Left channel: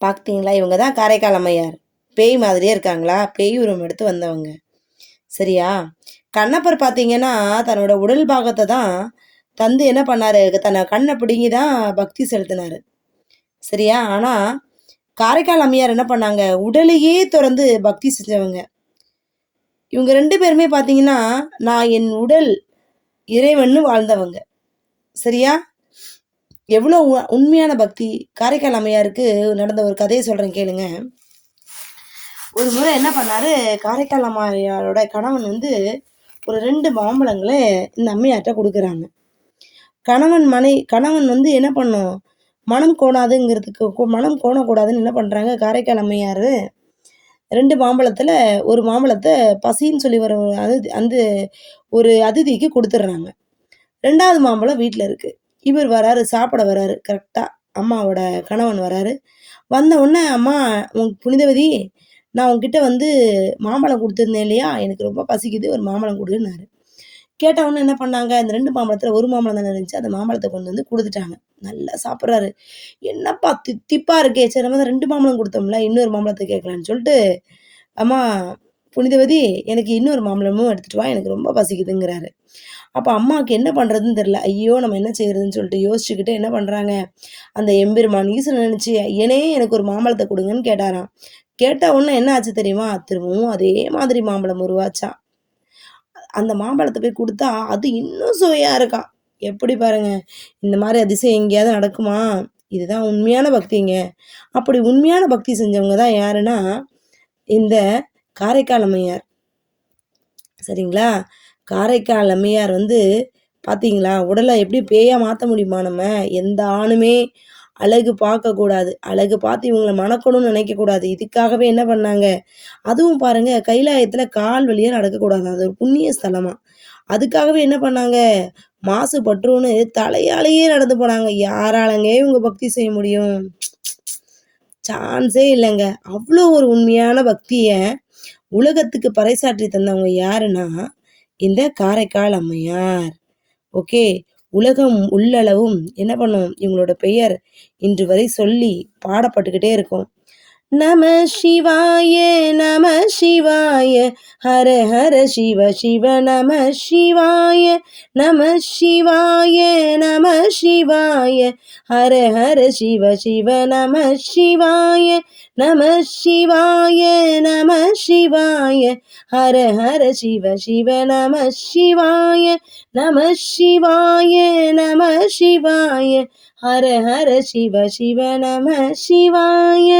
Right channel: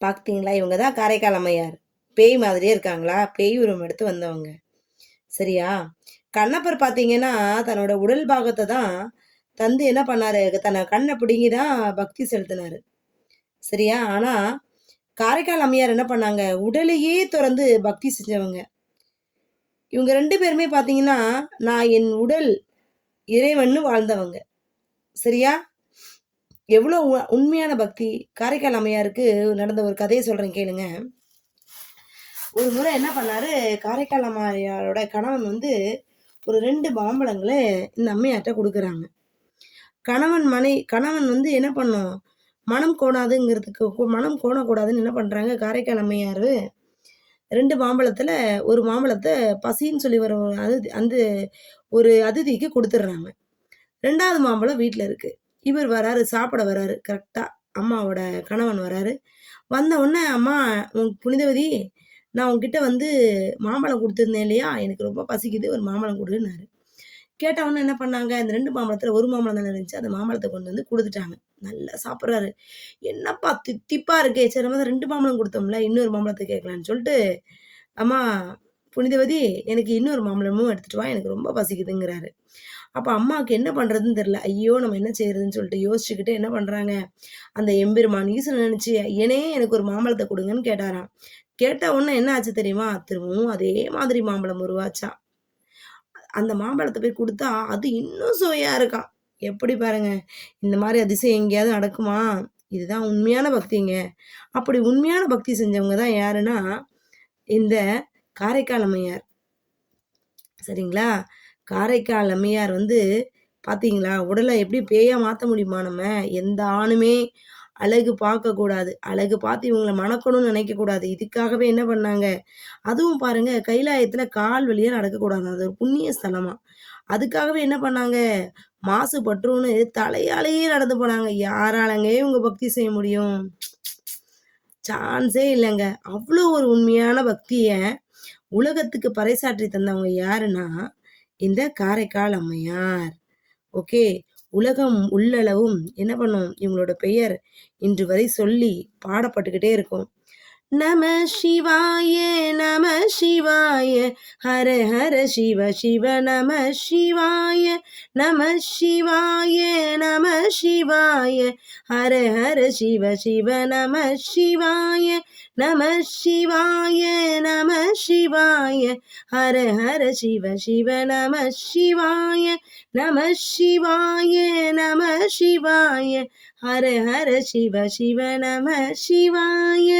பார்த்தீங்களா? இவங்க தான் காரைக்கால் அம்மையார். பேய் மாதிரியே இருக்காங்களா? பேய் உருவம் எடுத்து வந்தவங்க. சரியா? கண்ணப்பர் பார்த்தீங்கன்னா, தன்னோட உடல் பாகத்த தான் தந்து என்ன பண்ணாரு, தன்ன கண்ண பிடுங்கி தான் பக்தி செலுத்தினாரு. சரியா? ஆனா, காரைக்கால் அம்மையார் என்ன பண்ணாங்க, உடலையே துறந்து பக்தி செஞ்சவங்க. இவங்க 2 பேருமே பார்த்தீங்கன்னா, நான் என் உடல் இறைவன்னு வாழ்ந்தவங்க. சரியா? எவ்வளோ உண்மையான பக்தி. காரைக்கால் அம்மையாருக்கு நடந்த ஒரு கதைய சொல்றேன் கேளுங்க. ஒரு முறை என்ன பண்ணாரு, காரைக்கால் அம்மையாரோட கணவன் வந்து ஒரு 2 மாம்பழங்கள இந்த அம்மையார்ட்ட குடுக்குறாங்க. கணவன் வந்து என்ன பண்ணும், மனம் கோணாதுங்கிறதுக்கு மனம் கோணக்கூடாதுன்னு என்ன பண்றாங்க, காரைக்கால் அம்மையாரு 2 மாம்பழத்துல 1 மாம்பழத்த பசின்னு சொல்லி வர அந்த ஒரு அதிதிக்கு குடுத்துடுறாங்க. 2வது மாம்பழம் வீட்ல இருக்கு. இவர் வராரு, சாப்பிட வராரு. கரெக்ட்டா அம்மாவோட கணவன் வராரு. வந்த உடனே, "அம்மா புனிதவதி, நான் உன்கிட்ட வந்து மாம்பழம் குடுத்துருந்தேன் இல்லையா? எனக்கு ரொம்ப பசிக்குது. ஒரு மாம்பழம் குடுன்னாரு." கேட்ட உடனே என்ன பண்ணாங்க, அந்த 2 மாம்பழத்துல 1 மாம்பழம் தானே இருந்துச்சு. அந்த மாம்பழத்த கொண்டு வந்து குடுத்துட்டாங்க. நல்லா சாப்பிடுறாரு. "என்னப்பா தித்திப்பா இருக்கே! சரி நம்ம தான் 2 மாம்பழம் குடுத்தோம்ல, இன்னொரு மாம்பழத்த கேட்கலான்னு" சொல்லிட்டு, "அம்மா புனிதவதி, எனக்கு இன்னொரு மாம்பழமும் எடுத்துட்டு வா. எனக்கு ரொம்ப பசிக்குதுங்கிறாரு." அப்ப அம்மாவுக்கு என்ன பண்றதுன்னு தெரியல. ஐயோ! நம்ம என்ன செய்றதுன்னு சொல்லிட்டு யோசிச்சுக்கிட்டு என்ன பண்றாங்க, அந்த எம்பெருமான் ஈசன நெனச்சு, "ஐயனே எனக்கு ஒரு மாம்பழத்த குடுங்கன்னு" கேட்டாராம். கேட்ட உடனே என்ன ஆச்சு தெரியுமா? திரும்பவும் அதே மாதிரி மாம்பழம் உருவாச்சாம். அந்த மாம்பழத்த போய் குடுத்தா, அது இன்னும் சுவையா இருக்காம். எப்படி பாருங்க. இந்த மாரி அதிசயம் எங்கேயாவது நடக்குமா? இதுதான் உண்மையான பக்திங்க. அப்படி உண்மையான பக்தி செஞ்சவங்க தான் யாருன்னா, இந்த காரைக்கால் அம்மையார். சரிங்களா? காரைக்கால் அம்மையார் வந்து பார்த்தீங்களா, உடல எப்படி பேயா மாத்த முடியுமா நம்ம? எந்த ஆணுமே அழகு பார்க்கக்கூடாது. அழகு பார்த்து இவங்கள மணக்கணும்னு நினைக்கக்கூடாது. இதுக்காகவே என்ன பண்ணாங்க, அதுவும் பாருங்க கைலாயத்தில கால் வழியா நடக்கக்கூடாதாம். அது ஒரு புண்ணிய ஸ்தலமாம். அதுக்காகவே என்ன பண்ணாங்க, மாசு பற்றும்னு தலையாலேயே நடந்து போனாங்க. யாராலங்க இவங்க பக்தி செய்ய முடியும்? சான்ஸே இல்லங்க. அவ்ளோ ஒரு உண்மையான பக்திய உலகத்துக்கு பறைசாற்றி தந்தவங்க யாருன்னா, இந்த காரைக்கால் அம்மையார். ஓகே. உலகம் உள்ளளவும் என்ன பண்ணும், இவங்களோட பெயர் இன்று வரை சொல்லி பாடப்பட்டுக்கிட்டே இருக்கும். நம சிவாய நம சிவாய ஹர ஹர சிவ சிவ நம சிவாய நம சிவாய நம சிவாய ஹர ஹர சிவ சிவ நம சிவாய நம சிவாய நம சிவாய ஹர ஹர சிவ சிவ நம சிவாய நம சிவாய நம சிவாய ஹர ஹர சிவ சிவ நம சிவாய.